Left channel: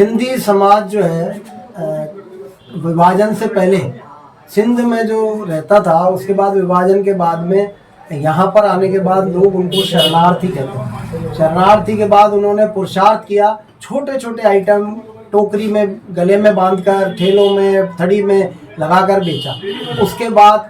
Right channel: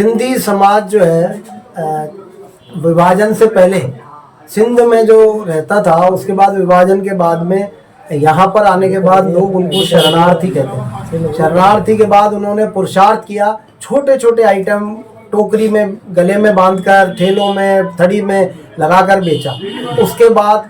सिंधी समाज जो है विभाजन से पहले सिंध में जो रहता था, उसके बाद विभाजन के बाद में यहाँ पर आने के बाद लोग उनको शरणार्थी कहते हैं। शरणार्थी के बाद उन्होंने पुरुषार्थ किया, छोटे छोटे आइटम टोकरी में गले में बांधकर ठेलों में थड़ी में लगाकर बेचा। उसके बाद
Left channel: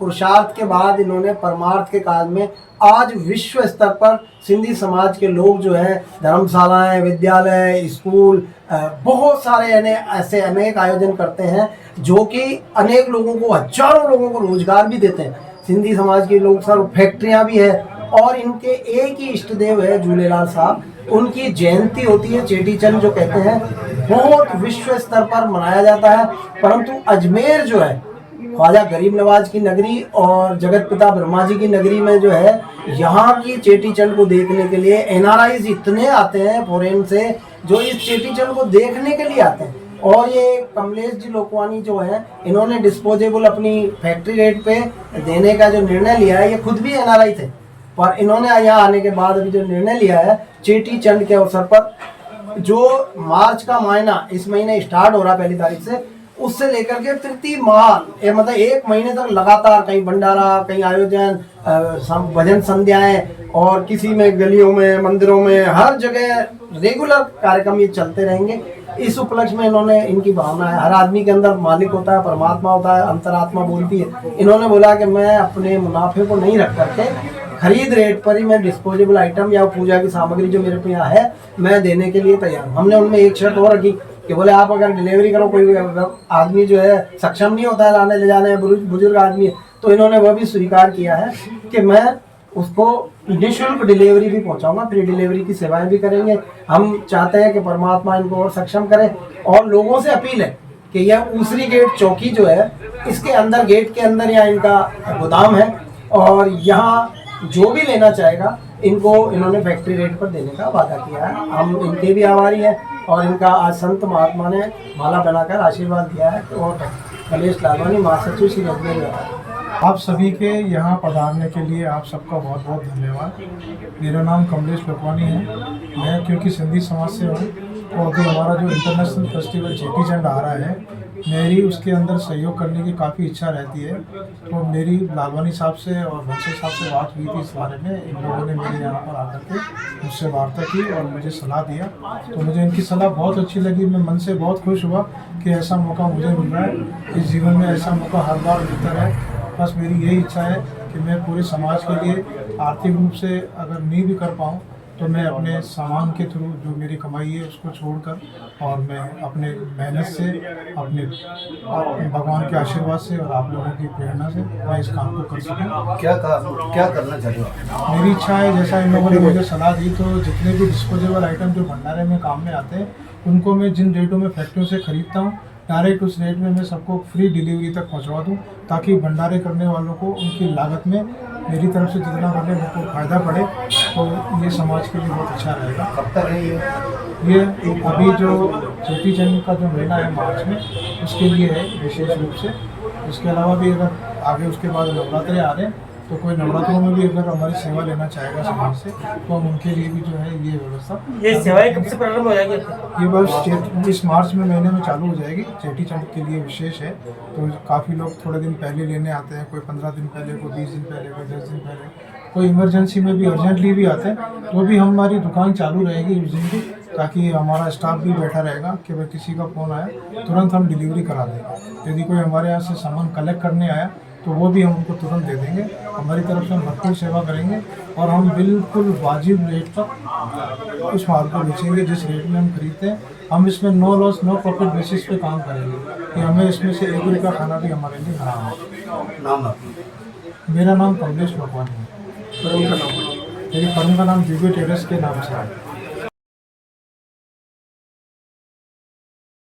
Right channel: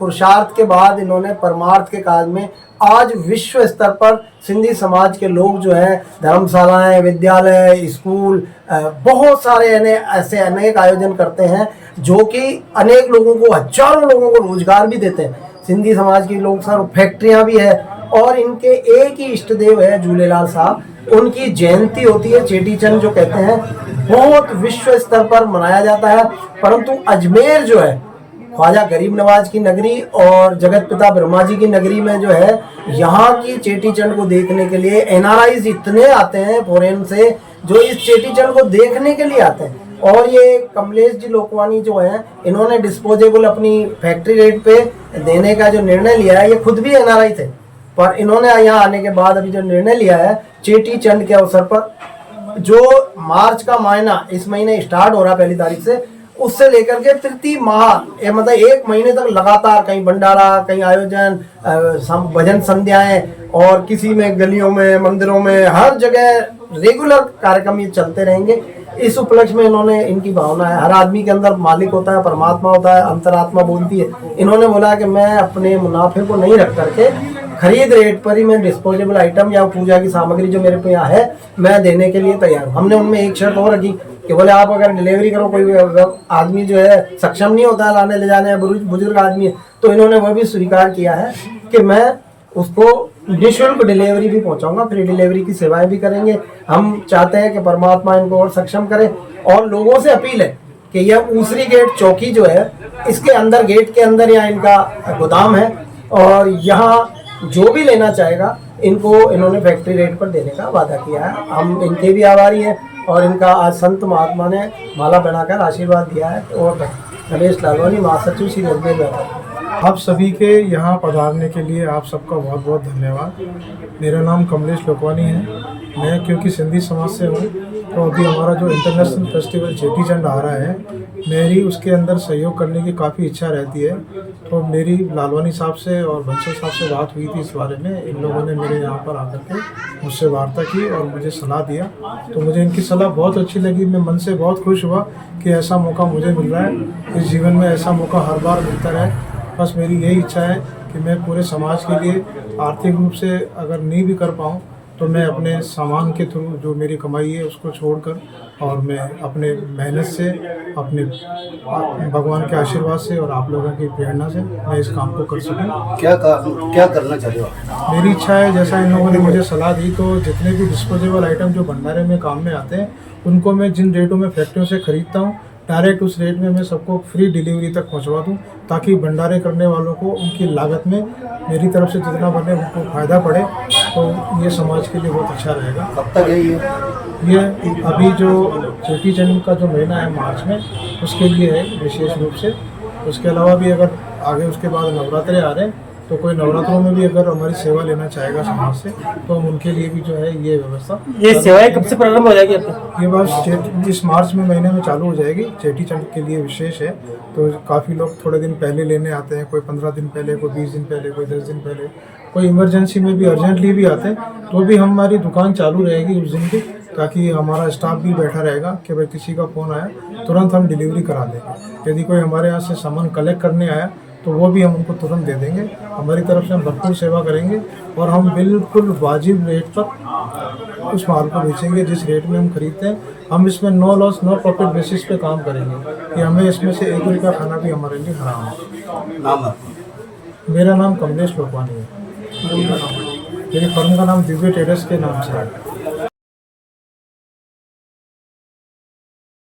पुरुषार्थ के बाद इन्होंने परमार्थ के काज में आज विश्व स्तर पर सिंधी समाज के लोग जो है धर्मशालाएं, विद्यालय, स्कूल, बहुत सारे ऐसे अनेक आयोजन करते हैं जो कि अनेक लोगों को, हजारों लोगों को रोजगार भी देते हैं। सिंधी समाज के लोग सर फैक्ट्रियां भी है और इनके एक ही इष्ट देव है झूलेलाल साहब। उनकी जयंती होती है चेटी चंद जो कहते हैं, बहुत विश्व स्तर पर मनाया जाता है। परंतु अजमेर जो है ख्वाजा गरीब नवाज की नगरी और जगत पिता ब्रह्मा जी की नगरी में जो है, यहाँ की चेटी चंद को देखने के लिए एनआरआईज इतने आते हैं फॉरेन से, जो इस चेटी चंद को देखने के लिए आते हैं। और ये कमलेश जी लोकवानी जो है, इन्होंने डिस्पोजेबल अपनी फैक्ट्री रेट पे देने का जो निर्णय लिया है, ये खुद भी एनआरआई थे, पर इन्होंने यहाँ आने के बाद अभी जो निर्णय लिया है चेटी चंद के अवसर पर, जो मार्च का महीना इस महीने स्टार्ट हो रहा है 1 तारीख से, उससे लेकर के प्रति माह मतलब 1 महीने तक लगातार कहीं भंडारा, कहीं आयोजन, भजन संध्याएं और किसी में गलियों में, मंदिरों में, हर जगह रेगुलर कार्यक्रम ये चलते रहेंगे। इस उपलक्ष्य में इन्होंने, इनकी भावना है, हर आदमी के अंदर मालिक होता है, परमात्मा होता है, अंतरात्मा बोलती है। इन्होंने बोला कि मैं अपने मुनाफे को नहीं रख करके खरीद रेट पर ही मैं डिस्पोजेबल आइटम या पूजा की सामग्री जो मेरे पे यहाँ है मैं देने के लिए तैयार हूँ। हमने उनमें एक शर्त और रखी कि बोले आप अगर डिलीवरी करो, कोई आदमी जो है सक्षम नहीं होता है लाने ले जाने, बुजुर्ग आदमी है, तो इन्होंने वह भी स्वीकार किया है कि मैं उसको निःशुल्क डिलीवरी भी पहुंचाऊंगा, फ्री डिलीवरी की सेवाएं भी करेंगे। हम चाहते हैं कि परमात्मा इनको और सक्षम करे। और लोगों से अपील है कि यह ऊसरी गेट चौकी जो है, इसके अंदर, गेट के अंदर यहाँ इनका गोदाम है और यहाँ जो भी लेना चाहेगा इनको इन्होंने फैक्ट्री रेट पर देने का वादा किया है। हम इनके भी आभारी हैं और इनका आज संत महात्मा ने माला पहनाकर आशीर्वाद दिया है। और कमलेश लालवानी, महासचिव श्री अजमेर व्यापार। आप सभी के यहाँ पधारने के लिए आप सबका बहुत बहुत धन्यवाद। मेरा नाम कमलेश लोकवानी है। मैं क्योंकि सिंधी समाज से हूँ, तो अभी हमारा जो इंटरनेशनल फेस्टिवल चेटी चंद आ रहा है, मेरी उसके अंदर सहयोग करने की काफ़ी इच्छा रहती है। तो मेरी लालवानी साहब से और बंसल साहब से बात हुई थी इस बारे में। इन लोगों ने मेरे यहाँ पर आकर के मुझसे वार्ता की और मुझे सलाह दिया, तो मुझे इनकी सलाह बहुत अच्छी लगी। मैं मन से बहुत खुश हुआ कि ऐसा मौका मुझे मिल रहा है। इस जीवन में ऐसा मौका हर बार मिलता रहे। बस मेरी यही इच्छा है कि मैं पूरे समाज के लिए आर्थिक रूप से अगर नहीं भी कर पाऊँ, तो मैं अपने सामान के थ्रू जो मेरी कमाई है उसको छोड़कर और मैं अपने मेहनत से, अपने भगवान के आशीर्वाद से और आप लोगों की प्रेरणा से मैं इस काम को कर सकूँ। क्या करना चाहिए? मेरी इच्छा है, जैसा इन लोगों ने मुझे सलाह दी, तो जितने भी डिस्पोजेबल आइटम जो भंडारे में काम में आते हैं, उनको मैं जिन रेटों में फैक्ट्रियों से खरीदता हूँ, डायरेक्ट उस रेट में मैं सबको फ्री डिलीवरी तक पहुँचवा दूँ, ताकि भंडारे करने वालों को उनकी लागत में मेरी तरफ से जितना बने उनको फ़ायदा पड़े। तो ये समाज के लिए बहुत अच्छा रहेगा। कब तक है ये अभी जो चेटी चंद का जो महीना है मार्च में, उसके लिए है विशेष रूप से। उसके अलावा भी अगर आगे उसके बाद नवरात्रे आ रहे हैं, तो कोई नवरात्रों में भी अगर हमारी सेवा लेना चाहेगा समाज से, तो हम उनके लिए भी जो है ये व्यवस्था। ये सेवाएं कब से प्रारंभ हो जाएगी आपकी? ये बस इस मार्च में महीने में चालू हो जाएगी। चेटी चंद के लिए विशेष है, तो काफ़ी लोग थोड़े दिन पहले लेने आते हैं, कोई 15 दिन पहले, कोई 20 दिन पहले, कोई 10 दिन पहले, कोई इमरजेंसी में भी, अर्जेंटली भी आते हैं। तो भी हमारी दुकान चालू रहेगी उस दिन की, ताकि हमारा स्टाफ भी बैठा रहेगा कि भाई किसी का फ़ोन आया तुरंत हम डिलीवरी करा देंगे। यदि कोई हमारे यहाँ से सामान कलेक्ट करने आया तो वो भी हम उनको तुरंत दे देंगे। हमारी तरफ से हम भरपूर सेवा करेंगे और हम बिल्कुल वाजिब रेट पर उस माल को बेचेंगे जिस रेट में हम खरीदते हैं। हम इसमें no loss no profit basis पे काम करेंगे कि हमें इसमें से 1 रुपये का खाना भी हमारे लिए हराम है। मेरा नाम कमलेश लोकवानी है। मेरी फर्म का नाम दिव्य टेरेस के नाम से है।